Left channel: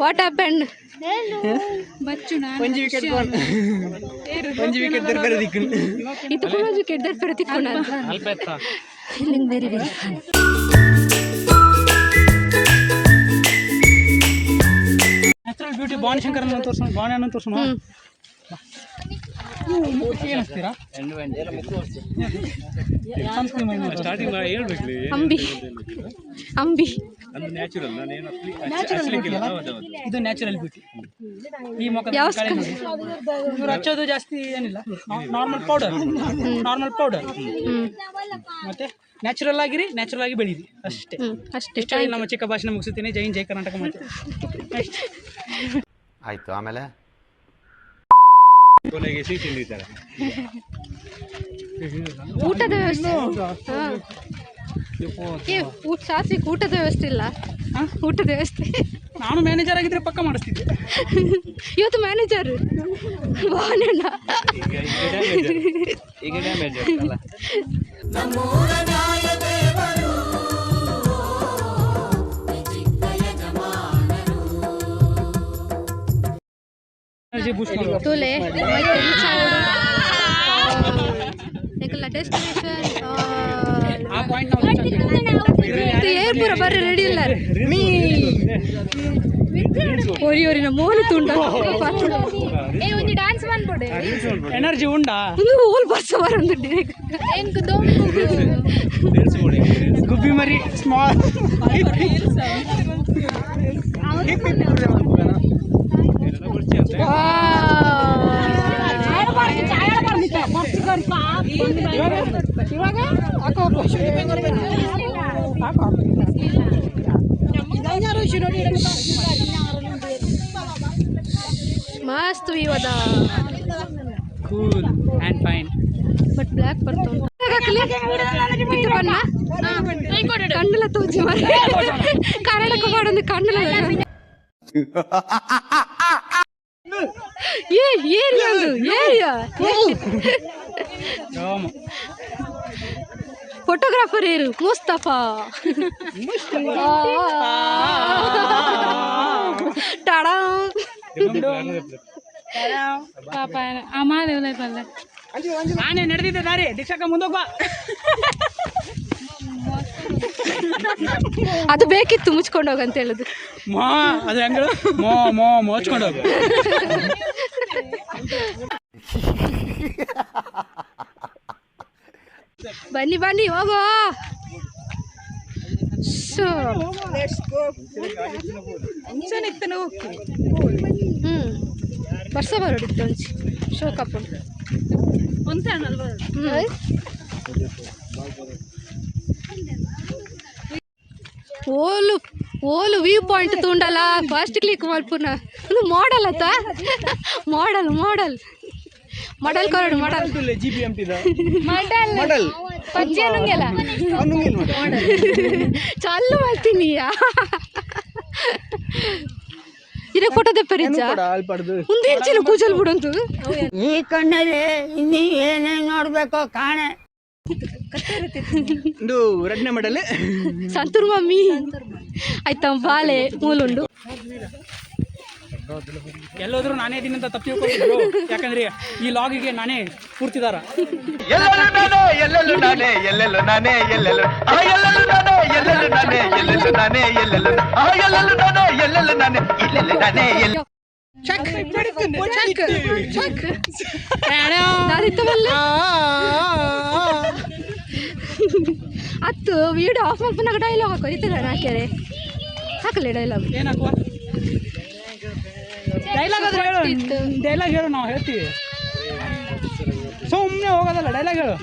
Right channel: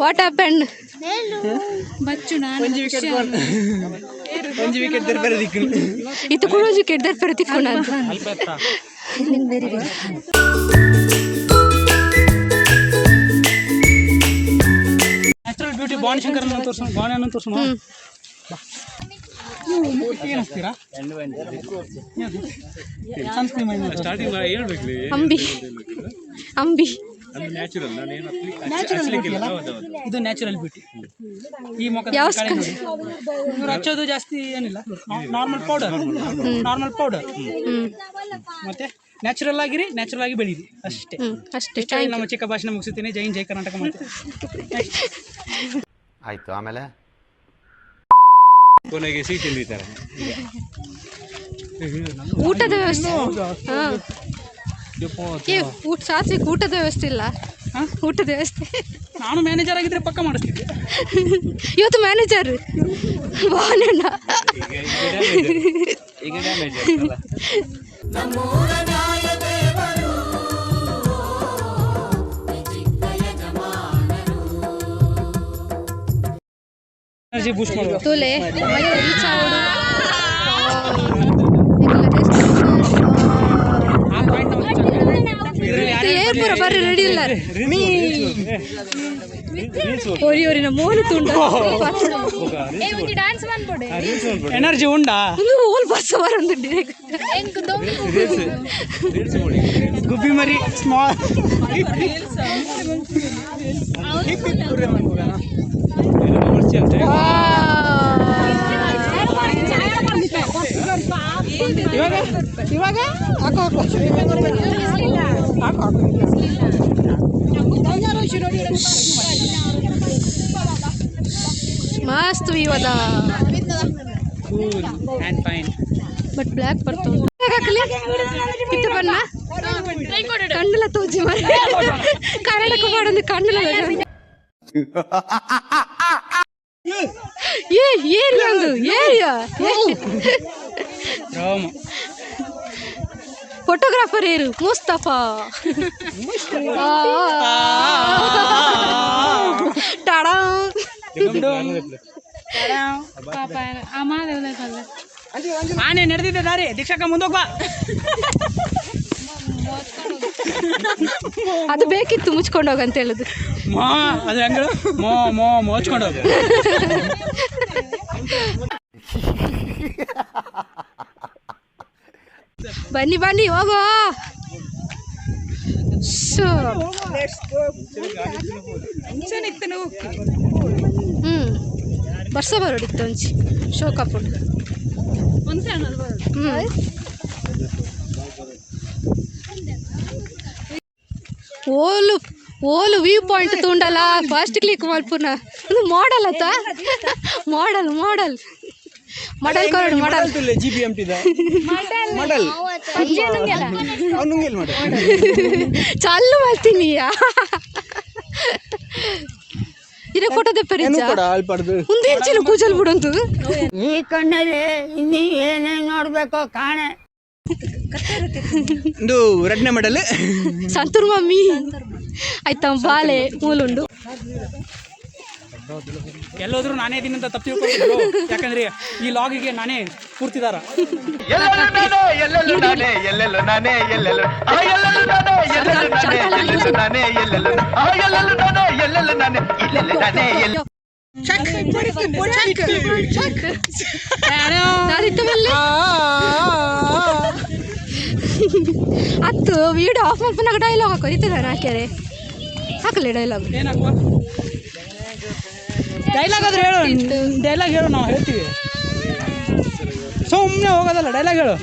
What happen? ಒಂಜಿ wicket ದರ್ಪರೆ ದಿಕ್ಕುನು ಇದು ಕೂಡ ವಿಕೆಟ್ ದರ್ಪರೆ ತಿಕ್ಕೋಣ ವೆರಿ ವೆರಿ ನ್ಯಾಚುರಲ್ ಬ್ಯೂಟಿ ಬಾಣಶಂಕರನ ತೋರಿಸೋಣ, ಬಾಣನ ತೋರಿಸೋಣ. ಏನಿಸ್ತೀರಾ ಸ್ಟಾರ್ಟಿಂಗ್ ಹೇಳ್ಬೇಕು. ಅಂಬಿ ಅಂಬಿ ಇದು ನ್ಯಾಚುರಲ್ ಬ್ಯೂಟಿ. ಈ ಮುಖದ ಕಳೆ ನೋಡಿ, ಇವ್ರು ಹಚ್ಚೋದು ಜಾಸ್ತಿ ಏನಿಲ್ಲ, ನಾರ್ಮಲ್ ಪೌಡರ್ ಮತ್ತೆ ನ್ಯಾಚುರಲ್ ಆಗಿ ಬೆಳೀರಿ ಅಷ್ಟೇ. ನಮ್ಮ ಚಿಕ್ಕ ಭಾಷಣ ಮುಗಿಸುತ್ತೀನಿ. ಜೈ ಹಿಂದ್, ಜೈ ಕರ್ನಾಟಕ. ಮತ್ತೆ ಆಯ್ತು, ಆಮೇಲೆ ಕೊನೆಗೆ ಸಿಹಿ ತಿಂದಿದ್ದಾರೆ. ಊಟದ ವ್ಯವಸ್ಥೆ ಸಾತ್ವಿಕ್ ಊಟದ ವ್ಯವಸ್ಥೆ ಇಲ್ಲ. ಊಟದ ವ್ಯವಸ್ಥೆ ನಾನು ಮ್ಯಾನೇಜರ್ ಆಗಿದ್ರೆ ಪಕ್ಕ ಮಾಡಿಸ್ತಿದ್ದೆ. ಇವತ್ತು ಮ್ಯಾನೇಜರ್ ಈಗ ಡ್ಯಾಮೇಜ್ ಅಲ್ಲ. ಎನರ್ಜಿ ಬೂಸ್ಟ್ ಮಾಡುವ ತುಲೆ ಮತ್ತೆ ರೀಚ್ ಆಗೋಡು ಏರ್ ಪೂರ ಬರ್ರಿ ರೆಡಿ ಇಲ್ಲ ಒರಿನ ಮೋಲು ತುಂಡ ಡ್ಯಾನ್ಸ್ ಮಾಡ್ಬೋಡೆ ಎನರ್ಜಿ ಉಂಡಾ ಓಲ್ ಬಸ್ ಬರಂದು ಗುಬ್ಬಿ ಮರಿ ಸ್ಮಾಲ್ ಇವಾಗ ಮಸ್ತ್ ಇವಾಗ cool and fine but black ಬರ್ತಾವ ಪಿತ್ತ ಬಣ್ಣ ಕಣ್ಣೆಲ್ಲ ತೋಜಿ ಮಾಡಿ ಕನ್ನಡಕ್ಕೆ ಮಾಡೋದು ಕಣ್ಣೆಲ್ಲ ಏರಿಯಾ ಒಂದು ಏರಿಯಾ ಫೋಟೋಗ್ರಾಫರ್ ಏರು ಮುಸ್ತಫಾ ಟಾಡಾ ಆನೆ ನಡೆದಿದ್ದ ದಾರಿ ದೀಕ್ಷಕ ಮುಂದೋಗ ಅದು ಬೇಕಿತ್ತು ಮುಚ್ಕೊಂಡು ಹೋಗ ಅಂತ ಹೇಳುದು ಅದು ಹೆಂಗ ಮುಚ್ಕೊಂಡು ಹೋಗ ಬನ್ನಿ ಬನ್ನಿ ಹೋಗೋ ಬರ್ಸ ಬರೋಡಿತ್ತು ಒಂಚಿ ಶೋ ಕಪ್ಪು ಓಲು ವ್ಯೂ ಪಾಯಿಂಟ್ ತುಂಡಲ್ಲ ಫಾಸ್ಟ್ ಕ್ಲಿಕ್ ಮಲ್ಪುನ ಇದು ಮಾಡಲ್ ಆತ ಮಾಡಲ್ ಕರಡು ಮಾಡಲ್ ಮಾಡಲ್ ಚಾಲು ಮಾಡ್ತೀನಿ ಇರ ಫೋಟೋ ತೆಪ್ಪರಿಚ್ಚ ಮುಂದೆ ಹೆಚ್ಚಿನ ಕೂಜಲ್ ಬಿಡಂತು ಈ ಕಣ್ಣಲ್ಲಿ ಇನ್ನೀ ಏನೇನು ನೋಡ್ಬೇಕೋ ಕಾಣೆ ಇದು ಎರಡನೇ ಮಾಡಲ್ ಸಂತೂರ್ ಮಮ್ಮಿ ಆಯ್ತಾ ಬಾಲೆ ಮೂಲುಂಡು ಎಲ್ಲೋದ್ರು ನಾನೇ ಇದೀನಂತ ತಪ್ಪು ತಿಳ್ಕೊಂಡು ಯಾಕಂದ್ರೆ ಈ ಲಾಗಿಗೆ ನಾನೇ ಪೂರ್ತಿದಾರ ಅತ್ತು ವಿಡಿಯೋ ಆಫ್ ಮಾಡ್ಕೊಂಡಾಗ ಡೈಲಾಗ್ ಹಾಕೋ ಇತ್ತದ ನಾಕ್ಯಾರೆ ಹಾಕಲೇ ಡೈಲಾಗ್ ಏನ್ ಹಾಕುವ ಡೈಲಾಗ್ ಆದ್ರೆ ಹೇಳು ಡೈಲಾಗ್ ಹೇಳು ನಾವು ಹೇಳ್ತೀವಿ ಸುಮ್ಮನೆ ಹೋಗೋದಲ್ಲ ಡೈಲಾಗ್ ಹೇಳು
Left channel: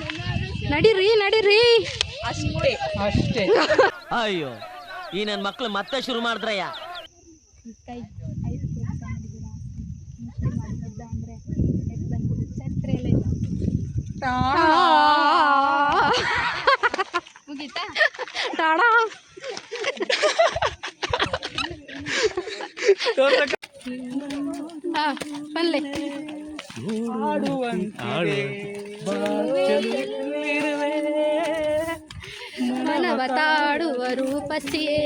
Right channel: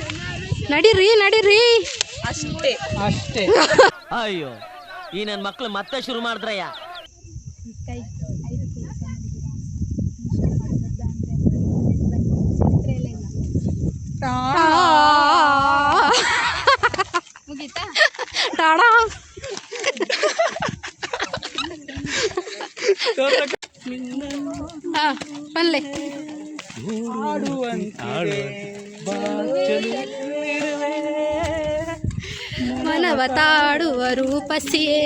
ನಡೀರಿ ಅಷ್ಟೇ ಅಯ್ಯೋ ಈ ನನ್ನ ಮಕ್ಳು ಮತ್ತೆ ಶುರು ಮಾಡಿದ್ರಯ್ಯ ಮುಗೀತಾ ಟಾಡಾ ಬನ್ಲೆ ಮನವ ತಾಡುವ ರೂಪಸಿಯೇ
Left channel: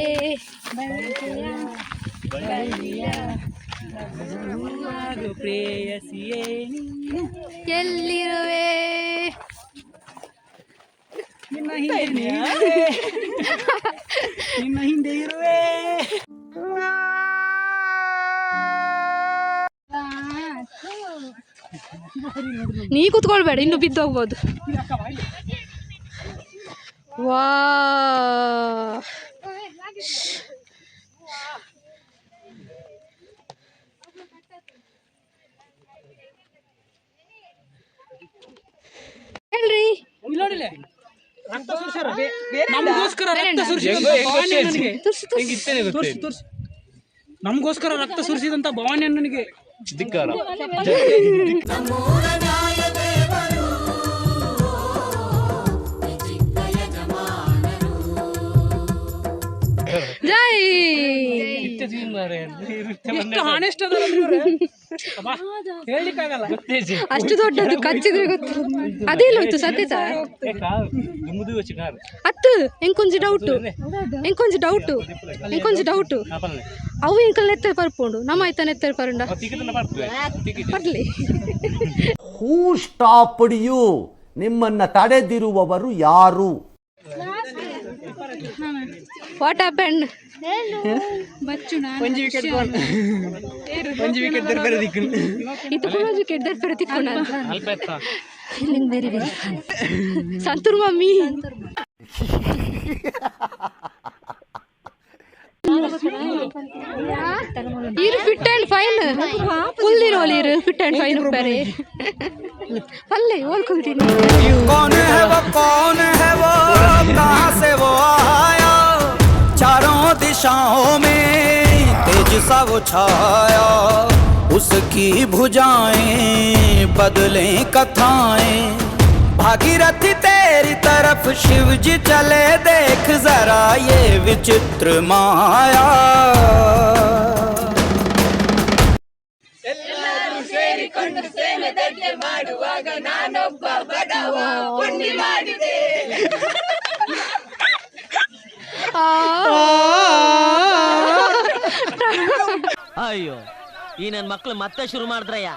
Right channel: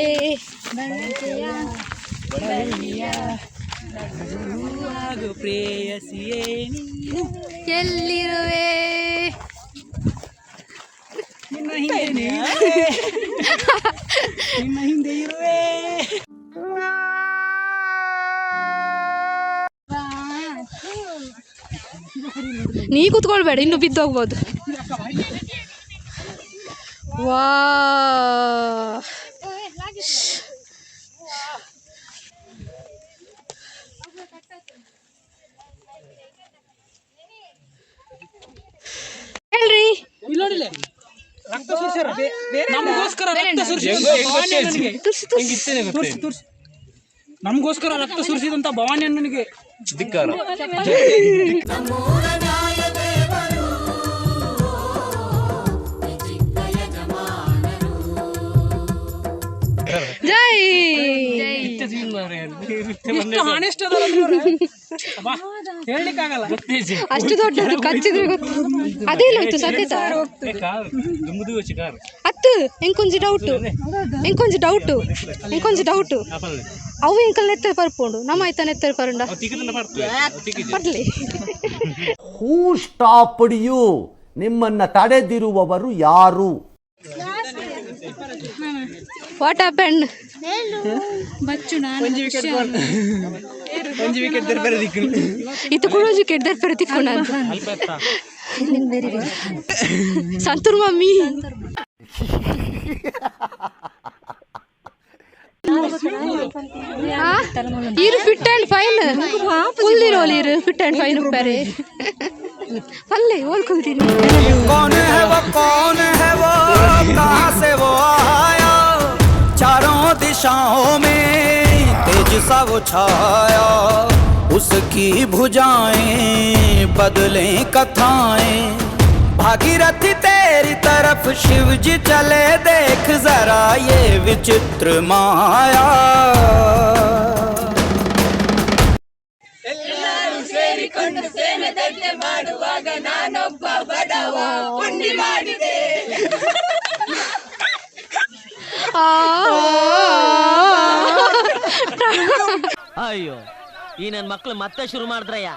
ಆಗು ಪ್ರೇಯಸಿಯೇ ನೀನು. ಎಲ್ಲಿರುವೆ ನಿನ್ನ ಹಿಂದೆ ನಿನ್ನ ಹಿಂದೆ ಇರುವೆ. ನೀ ಕೂತ್ಕೊಳ್ಬೇಡ, ಇನ್ನು ಬಿದ್ದೋಗ್ಬೋದು. ವಾ ಹೇಳ್ರಿ, ಇಲ್ಲಿ ನೋಡಿಲೆ ರಕ್ತ ಸುರಿಸ್ಯಾರ. ನಮಗೋಸ್ಕರ ರಕ್ತ ತೋರಿಸಿ ನಮಗೋಸ್ಕರ ರಕ್ತ ಸುರಿಸಿದಂತ ಭವಾನಿ ಅಣ್ಣನಿಗೆ ಧಿಕ್ಕಾರ. ಜೈ. ಆನೆಸ್ಟ್ ಹೇಳ್ಲಿಕ್ಕಾಗಲ್ಲ. ಅಷ್ಟು ದೊಡ್ಡದು ಕಚ್ಚಿದ್ರೆ ಗೊತ್ತು. ಅದೇನಾಯ್ತು ಸತ್ಯತ ಅತ್ತು ಎಂಕೊಂಚು ಡೌಟು ಅವು ಎಂಕಲ್ ನೆತ್ತರ್ ಪರ್ಪುಂಡು ನಮ್ಮ ಆಯ್ತಾ ನೆತ್ತರ್ ಪರಂಡ ಬರ್ಲಿ. Who stopped you? ನಿಮ್ಮನ್ನ ತಡೆದಿರುವವರು ಯಾರು? What happen? ಒಂಜಿ ವಿಕೆಟ್ ದರ್ಬರ ದಿಕ್ಕು ಇದು ಕೂಡ ವಿಕೆಟ್ ದರ್ಬರ ತಿಕ್ಕೋಣ ವೆರಿ ವೆರಿ ಸಂತೂರ್ ಮಮ್ಮಿ. ಇರು ಫಿಟ್ ಆ್ಯಂಡ್ ಫೈನ್ ಫುಲ್ ಇರೋಲಿ ಇರು ಫಿಟ್ ಆ್ಯಂಡ್ ಫೈನ್ ಉಪ್ಪಾರೆ ಅಲ್ಲೇ ಓದ್ಕೊಳ್ತೀನಿ. कौन है वो कहाँ से वो आया, चारों दिशाओं में तेज सा वो छाया, उसकी भुजाएं बदलें कथाएं, भागीरथी तेरी तरफ शिव जी चले, देख जरा ये विचित्र माया. ಅಯ್ಯೋ ಈ ನನ್ ಮಕ್ಳು ಮತ್ತೆ ಶುರು ಮಾಡಿದ್ರಯ್ಯ.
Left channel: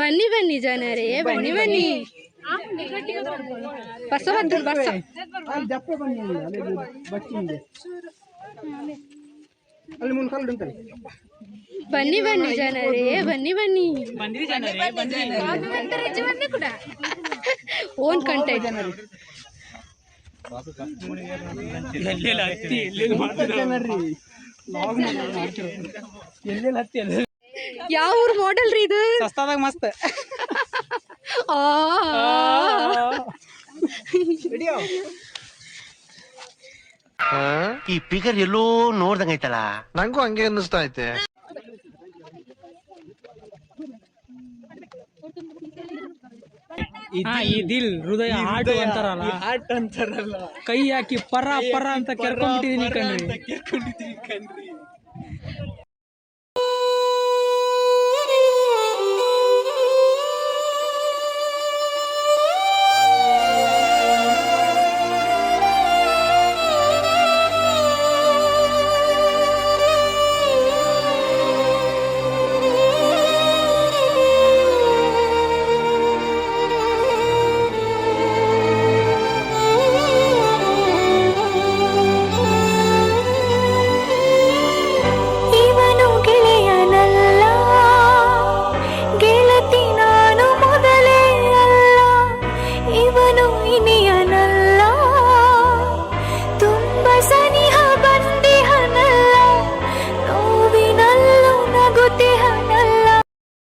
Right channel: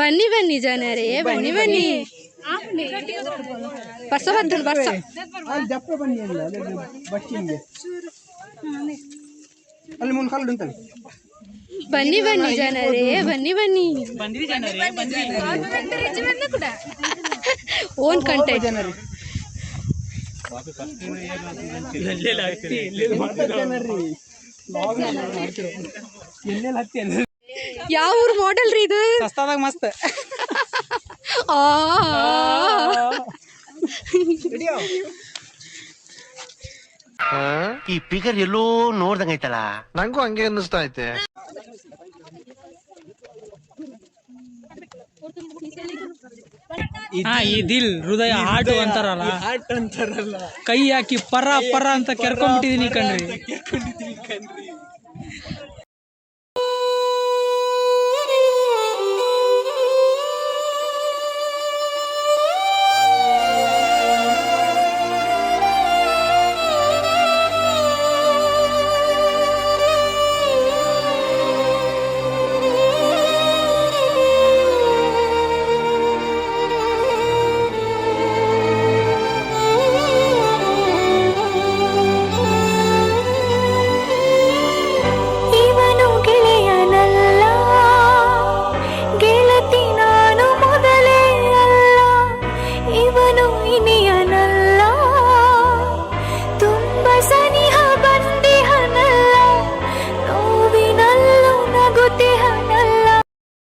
ಬನ್ನಿ ಬನ್ನಿ ಜನರೇ ಬನ್ನಿ ಬನ್ನಿ. ಬಸ್ಸ ಬದ್ದು ಬಸ್ಸ ಬನ್ನಿ ಬನ್ನಿ ಜನರೇ ಬನ್ನಿ ಬನ್ನಿ. ಓನ್ ಕಂಟೆ ಯಾವ ಊರ್ ಮಾಡೆಲ್ ರೀ ಇದು? ಸಸ್ತಾದಾಗ ಮಸ್ತ್. ಈ ಪಿಗರ್ ಎಲ್ಲೋ ನೋಡ್ದಂಗೈತಲ್ಲ, ನಂಗೂ ಹಂಗೆ ಅನ್ನಿಸ್ತಾ ಐತೆ. ಈ ದಿಲ್ ಹೃದಯ ಹಾರ್ಟ್ ಅಂತಾರಲ್ಲ, ಕೈ ಹಾಕಿ ಪರ ಪರ ಅಂತ ಕೆರ್ಕೊಂಡ್ಬಿಟ್ಟಿದೀನಿ ಕಣ್ರಿ.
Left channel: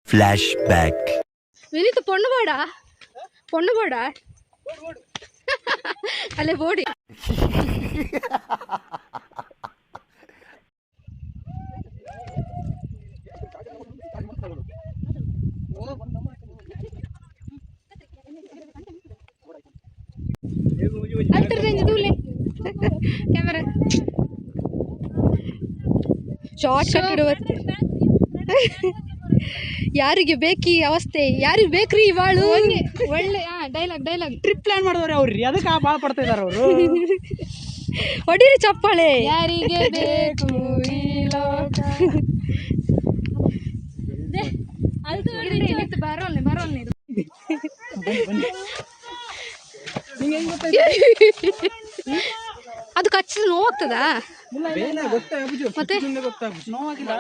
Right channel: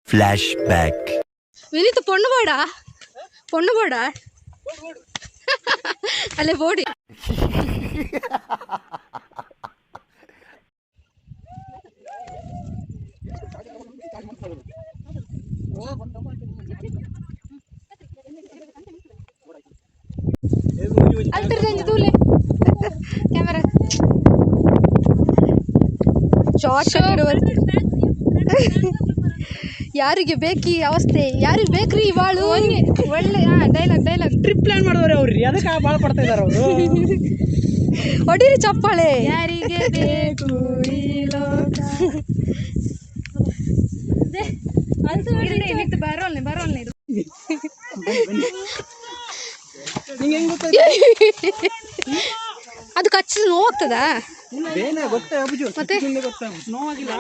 Flashback. വിനീത് പൊണ്ണു പോടാ അല്ലേ പോടി. ಕ್ಯಾಮರಾ ಶಾರ್ಟ್ ಕಟ್ ಇಡುವ ಯಾರಿಗೆ ಬೇಕಿ ಅವಸ್ಥೆ, ಯಾರಿಗೆ ಬೇಕ್ರಿ ಬಾಳು. ಒಳ್ಳೆ ಡೈಲಾಗ್ ಟ್ರಿಪ್ ಪ್ಲಾನ್ ಮಾಡಿದವ್ರೆ ಅವ್ರಿ, ಅದಕ್ಕೆ ಭಾಳ ಪಡ್ತಾ ಇದಾರೆ ಅವರು. ಹೊಡೀರಿ ಚಪ್ಪಾಳೆ. ಯಾರಿಗೆ ಬೇಕು ಈ ಲೋಕ. ಬರೋಲ್ನಿ ಅದು ಕಚ್ಚಿದ ನೋವಾಗ್ತದಾ? ಮತ್ತೆ ನೋವಾಗಿಲ್ಲ,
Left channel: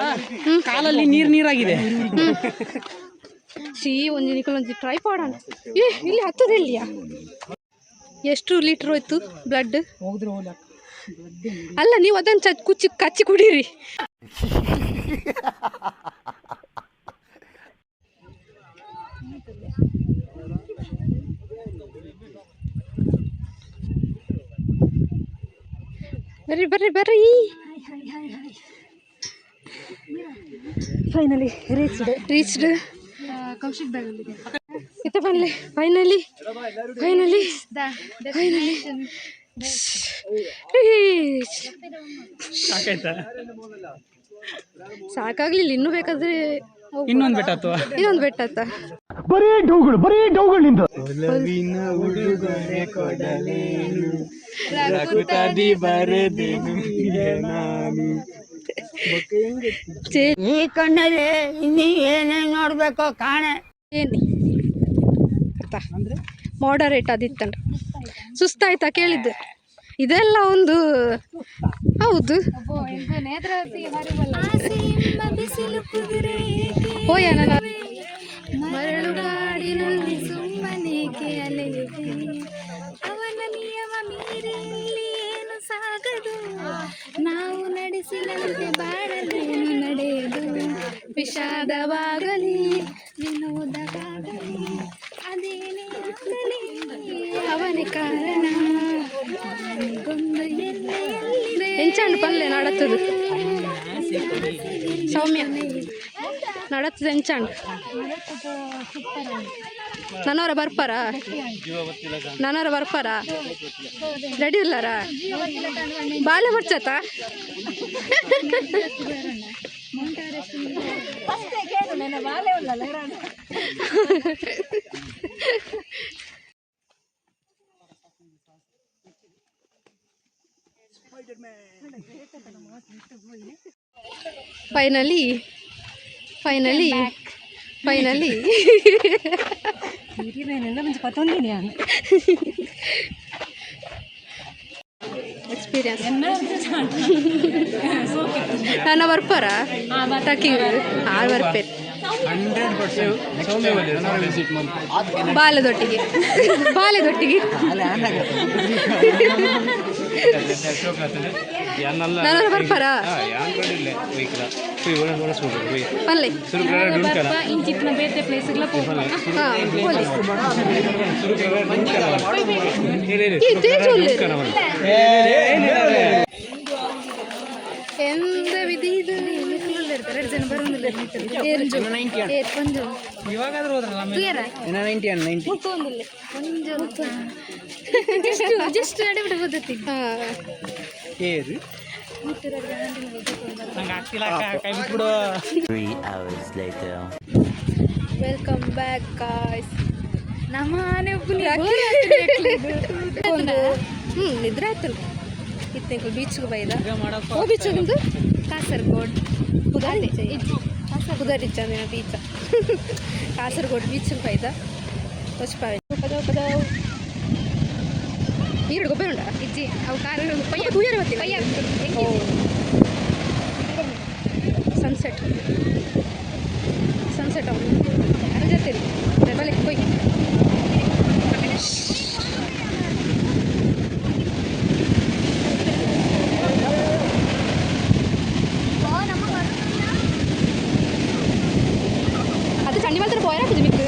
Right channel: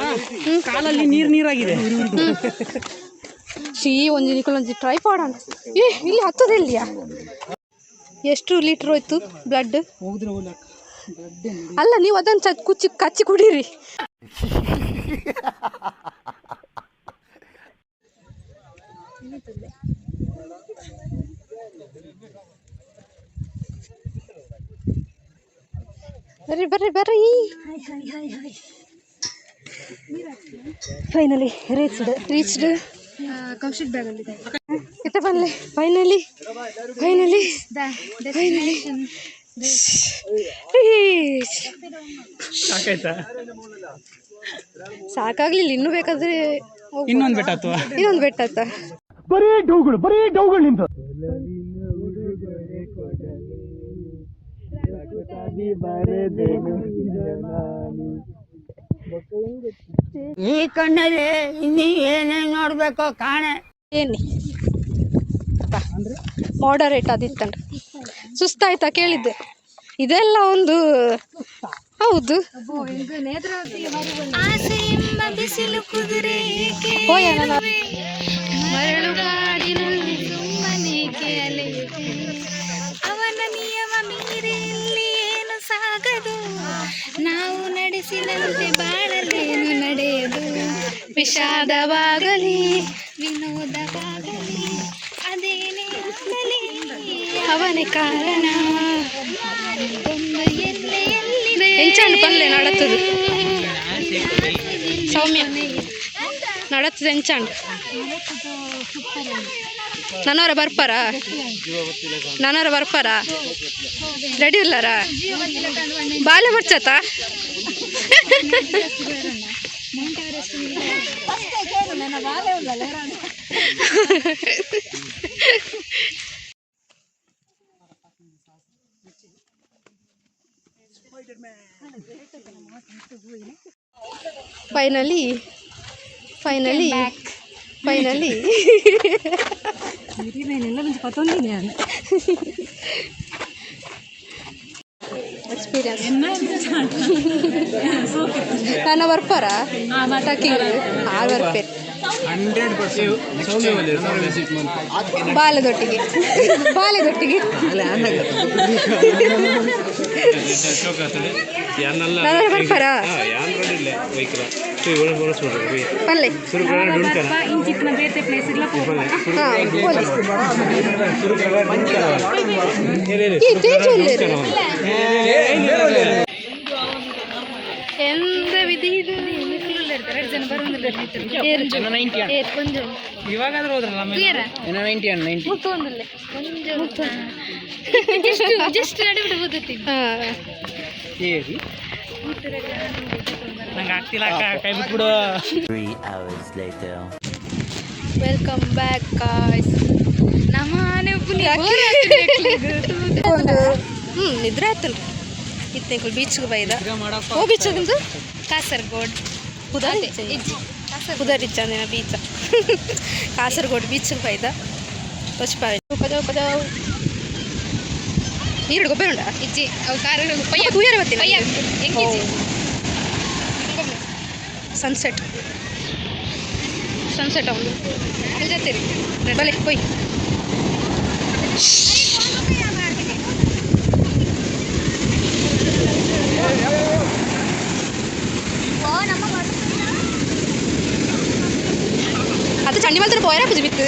ಕಾಲಲ್ಲಿ ನೀರಾಗಿದೆ. ಒಂಜಿ ಟ್ರೈ ಮಾಡೋಣ. ಇಲ್ಲಿ ಹತ್ತದ ಇಲ್ಲಿಯಾ? ಎಷ್ಟು ಲೀಟ್ರ್ ಹೋಯ್ತು ಬ್ಲಡ್? ಹೋಗಿದ್ರೆ ಅಲ್ಲ, ನೀವು ಅದನ್ನು ಕಚ್ಚಿ ಕುಡೀರಿ. ಬರ್ರಿ. Finally reached. ಕೌಶಿಕ್ ಬ್ಯಾಗಲ್ಲಿದೆ. ಎತ್ತ ಬನ್ನಿ. ಫೈನಲಿ ಸಾಕಾಗ್ಲಿಲ್ಲ. ಇನ್ನೂ ಬೇಕಾದ್ರೆ ಇನ್ನೊಂದು ಬೆಟ್ಟ ಅಥವಾ ಇನ್ನೊಂದು ಬೆಟ್ಟ ಆತ. ಬರೀ ಡೌಗಳು ನಿಂದು. ಈ ಕಣ್ಣಲ್ಲಿ ಇನ್ನೀ ಏನೇನು ನೋಡ್ಬೇಕೋ ಕಾಣೆ. ಏನಿ ಮಾಡರೇಟ್ ಅದಿತ್ತಂಡ ಸುಸ್ತಾಯ್ತಾ ಕೇಳಿದ್ದು. ಇದೆಲ್ಲ ಒಂದು ಹೌದು. ಅವನ ನಿಯಮ ಮೀರಿಲ್ಲಿ ಏನು ಸಾಗದು, ನಾವು ನಡೆಸಿದಂತೆ ಬಾಳಲೇನು ನಡೆಯದು. ವಿಷಾದವಾಗಲಿ ವಿನೋದವಾಗಲಿ ಅದೇನೇ ಆಗಲಿ ಅವನೇ ಕಾರಣ. ಒಂದು ಎಲ್ಲೆಯಲ್ಲಿ ಎಂಚಾಂಡು ಪಲ್ಲೆ ನಡತ್ತದು ಸೌಮ್ಯ ನಡತ್ತದ ಎಂಚಾಂಡು. ನನ್ನವರ ಬರ್ಪಾರ ರೆಡಿ ಇಲ್ಲಾರ? ಬಾಲೆ ಬರ್ಚತ್ತ ಫೈನಲಿ ಎಕ್ಸ್ಪೀರಿಯನ್ಸ್ ನನ್ನ ಬರ್ಪಾರ ಬರ್ಪೇರು ಬಾಲದೊಟ್ಟಿಗೆ ನಾನು ಬರ್ಪಾರ ಪಲ್ಲೆ ಎಂತ ವಿಧಿ ಇದು. ಇವಾಗಾದ್ರೂ ಹೋದ್ರಲ್ಲ ನಂಗೆ ಆಗ್ತಿಲ್ಲ, ಕೈ ಬಿಟ್ಬಿಡು. Welcome back guys. ಒಂದು ನಿದ್ರೆ ಆಯ್ತಲ್ರಿ. ಇತ್ತೇಕಲ್ ಬೀಚ್ಗೆ ಬೈದ ಓ ಬೀಚ್ಗಿಂದು ಕಾಸರಗೋಡ್ ಕುದರಿಚ್ಚ ಅಂದಿನ ಬೀಚ ಕಾಸರಗೋಡ್ ಬೀಚ್ಗೆ ಬೈದ ತೊಚ್ಪಾಯಿ ಕಜಾವ್ ನೀರು ಗೊಬ್ಬರ ಉಂಡ ಇಜ್ಜಿ ಅವು ಕಾರು ತೂಯರ್ ಬರ್ತೀನಿ ಸನ್ಸೆಟ್ ಅವನು ಅಲ್ಲಿ ಜೊತೆರಿ ಬಲೆ ಹೋಯ್ അത് ചണ്ടിമലത്തിന് പോയാ പുജിമിക്ക്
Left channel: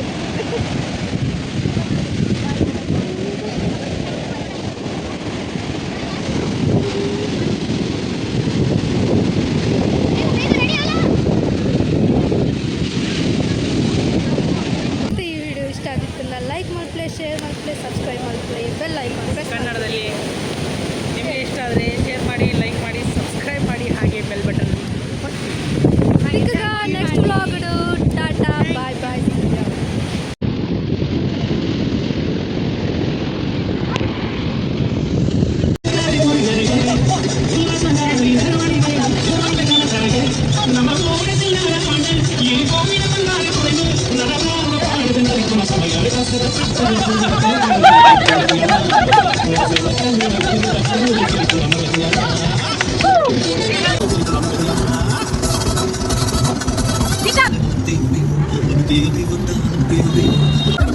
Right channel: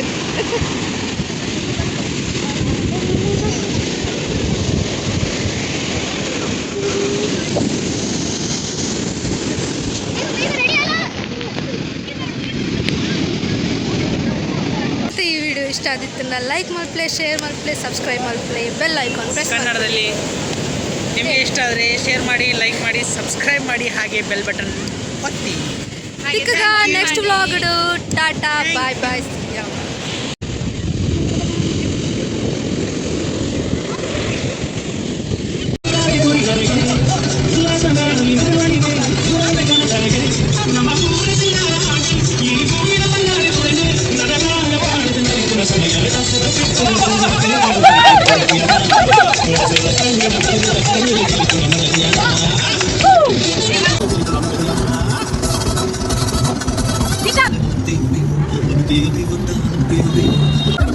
ಈ ವಿಡಿಯೋ ಇಷ್ಟ ಆದಿತ್ತಲ್ಲ ಲೈಕ್ ಮಾಡ್ಪ್ಲೇ ಶೇರ್ ಮಾಡ್ಪ್ಲೇ ಸಬ್ಸ್ಕ್ರೈಬ್ ಮಾಡ್ಪ್ಲೇ ಬೆಲ್ ಐಕಾನ್ ಪ್ರೆಸ್ ಕನ್ನಡದಲ್ಲಿ ನಿಮಗೆ ಇಷ್ಟ ಆದರೆ ಶೇರ್ ಮಾಡಿ, ಲೈಕ್ ಮಾಡಿ, ಸಬ್ಸ್ಕ್ರೈಬ್ ಮಾಡಿ, ಹಾಗೆ ಬೆಲ್ ಬಟನ್ ಒತ್ತಿ. ఇంకా next vlog tata bye bye. Baby,